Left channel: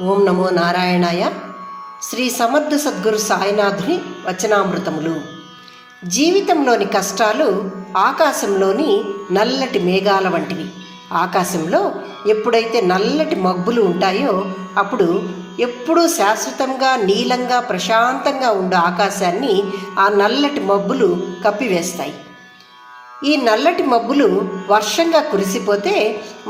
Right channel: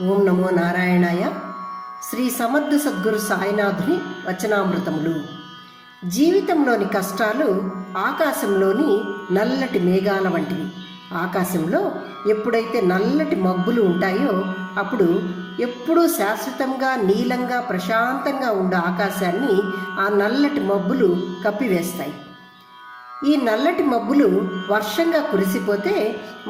ఓం నమో నారాయణాయ. శ్రీ సమర్థ సద్గురు సాయినాథుని వచనామృతములు. జీవితంలోని కష్టాలు ఆకాశంలోని నల్లటి మేఘాల వంటివి. ఆకాశంలో ఎప్పుడైతే నల్లటి మబ్బులు ఉంటాయో అప్పుడు ఎప్పుడూ శాశ్వతంగా నీలంగా ప్రశాంతంగా ఉండే ఆకాశాన్ని ఆ నల్లటి మబ్బులు కప్పివేస్తాయి. ఈ నల్లటి మబ్బులు వర్షంగా కురిసిపోతే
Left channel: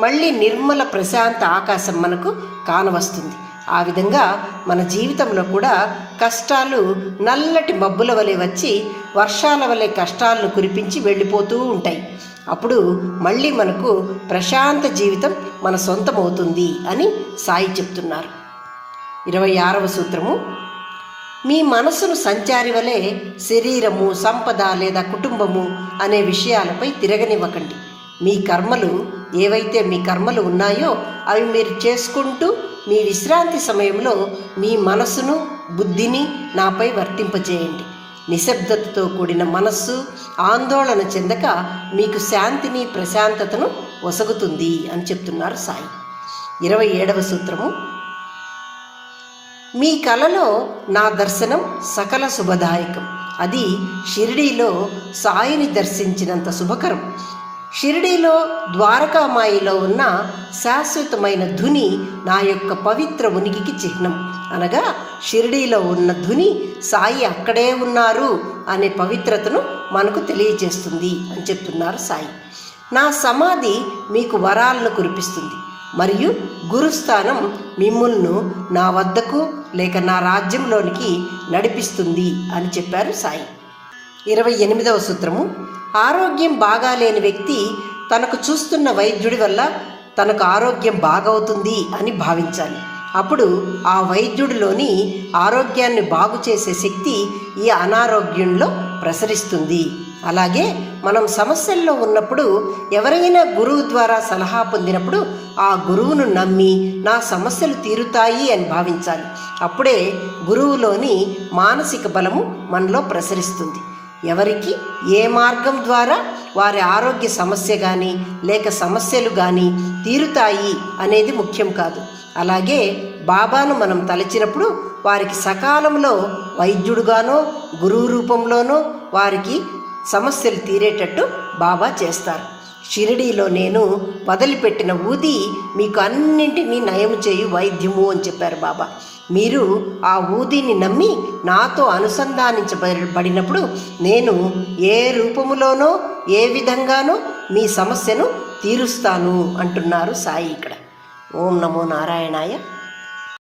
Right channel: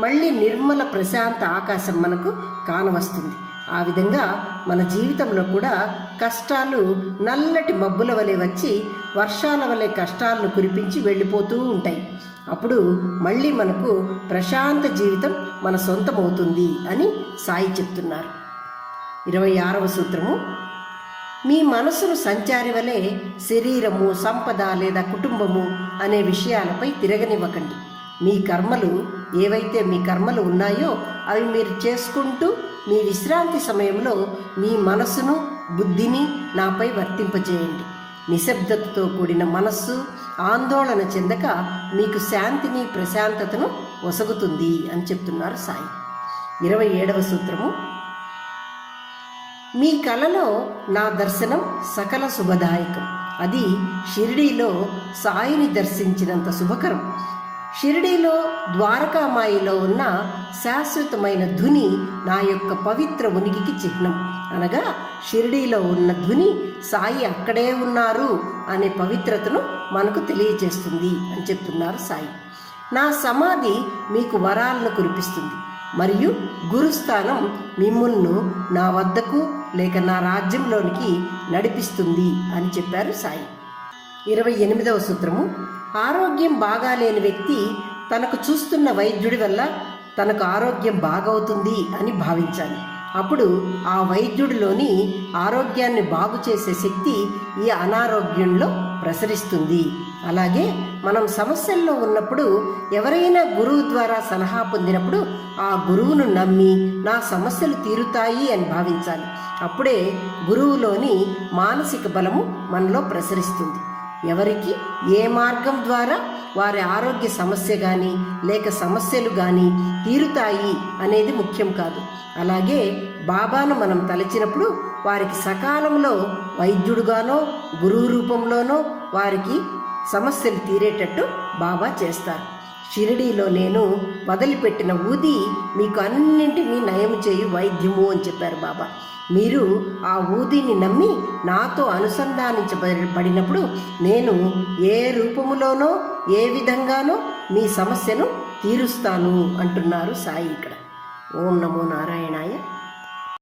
మళ్ళీ నిర్మల ప్రశాంత ఆకాశం మనకు కానవస్తుంది. ఆ విధంగా మన జీవితంలో కూడా కష్టాలు నల్లటి మబ్బుల వలె వచ్చి వర్షాల వలె కష్టాలను కురిపించి వెళ్ళిపోతూ ఉంటాయి. అప్పుడు మళ్ళీ మనకు ప్రశాంత జీవితం మన సొంతమవుతుంది అని సాయి చెప్తున్నారు. 26వ సూత్రము. మీ మనసును సంచారి వలె శరీరము, సంపద లేదా కుటుంబము అనే విషయాలపై తిరగనివ్వకండి. మీ కర్మలు ఏవైతే మీ కర్మలు ఉన్నాయో అవి మీరు చేసుకుంటూ మీ విశ్రాంతి సమయంలో మీ మనసును, బుద్ధిని నాపై వర్తింపజేయండి. నిశ్శబ్దతతో కూడిన మనస్సు ఆందోళన చెందక మీకు శాంతిని, ప్రశాంతతను ఒసగుతుంది అని చెప్తున్నారు సాయి. 27వ సూత్రము. మీ కలలో నా దర్శనం సకల శుభదాయకం. అది షిరిడీలో సాయిని దర్శించినంత శుభకరం. షిరిడీలో ద్వారకామాయిలో ఉన్న శాశ్వతమైన ధుని నా యొక్క పవిత్ర ఉనికికి చిహ్నం. అనగా షిరిడీలో ఉన్న ధుని సాయి అక్కడే ఉన్నారు అనే పవిత్రతను మనకు తెలియజేస్తుంది అని చెప్తున్నారు సాయి. నా సమాధి మీకు వరాలను కురిపిస్తుంది మరియు గురుస్థానం మిమ్ములను నా వద్దకు లేక నా రాజ్యంలోనికి నడిపిస్తుంది అని చెప్పారు సాయి. 28వ సూత్రము. ఆరోగ్యం బాగాలేని వ్యక్తి తనకు చూస్తున్న వైద్యుడి వల్ల తనకు ఆరోగ్యం బాగవుతుంది అని భావించాలి. అప్పుడు ఆ వైద్యుడిలోని ఆరోగ్యాన్ని బాగు చేసే శక్తి ఈ అనారోగ్యంలో ప్రసరిస్తుంది. అలాగే మనం సమస్యల్లో ఉన్నప్పుడు ఎవరైనా గురువు ద్వారా సలహా పొందినప్పుడు ఆ గురువును నమ్మి నా సమస్యలు తీరుతాయి అని భావించాలి. అప్పుడే గురువులోని మానసిక బలము మనలో ప్రసరిస్తుంది. ఎవరికి ఏ మార్గం ద్వారా వారి ఆరోగ్య సమస్య కానీ లేక సమస్యలు కానీ తీరుతాయి అనేది ముఖ్యం కాదు. అలాగే బాబాను మనం తలచినప్పుడు వారికి సకాలంలో వైద్యుడుగానో గురువు రూపంలోనో వారికి సమస్యలు తీరేటట్టు బాబా చేస్తారు. షిరిడీలో నేను వదిలిపెట్టిన ఊది మీకు అన్నింటినీ నయం చేయు వైద్యము అని చెప్పారు బాబా. మీరు ఆ ఊదిని నమ్మి నాతో అనుసంధానించబడినప్పుడు నేను ఏ రూపములోనో ఏ విధంగానో మీ సమస్యను తీరుస్తాను అంటున్నారు సాయి ఇక్కడ. ఓం నమో నారాయణాయ.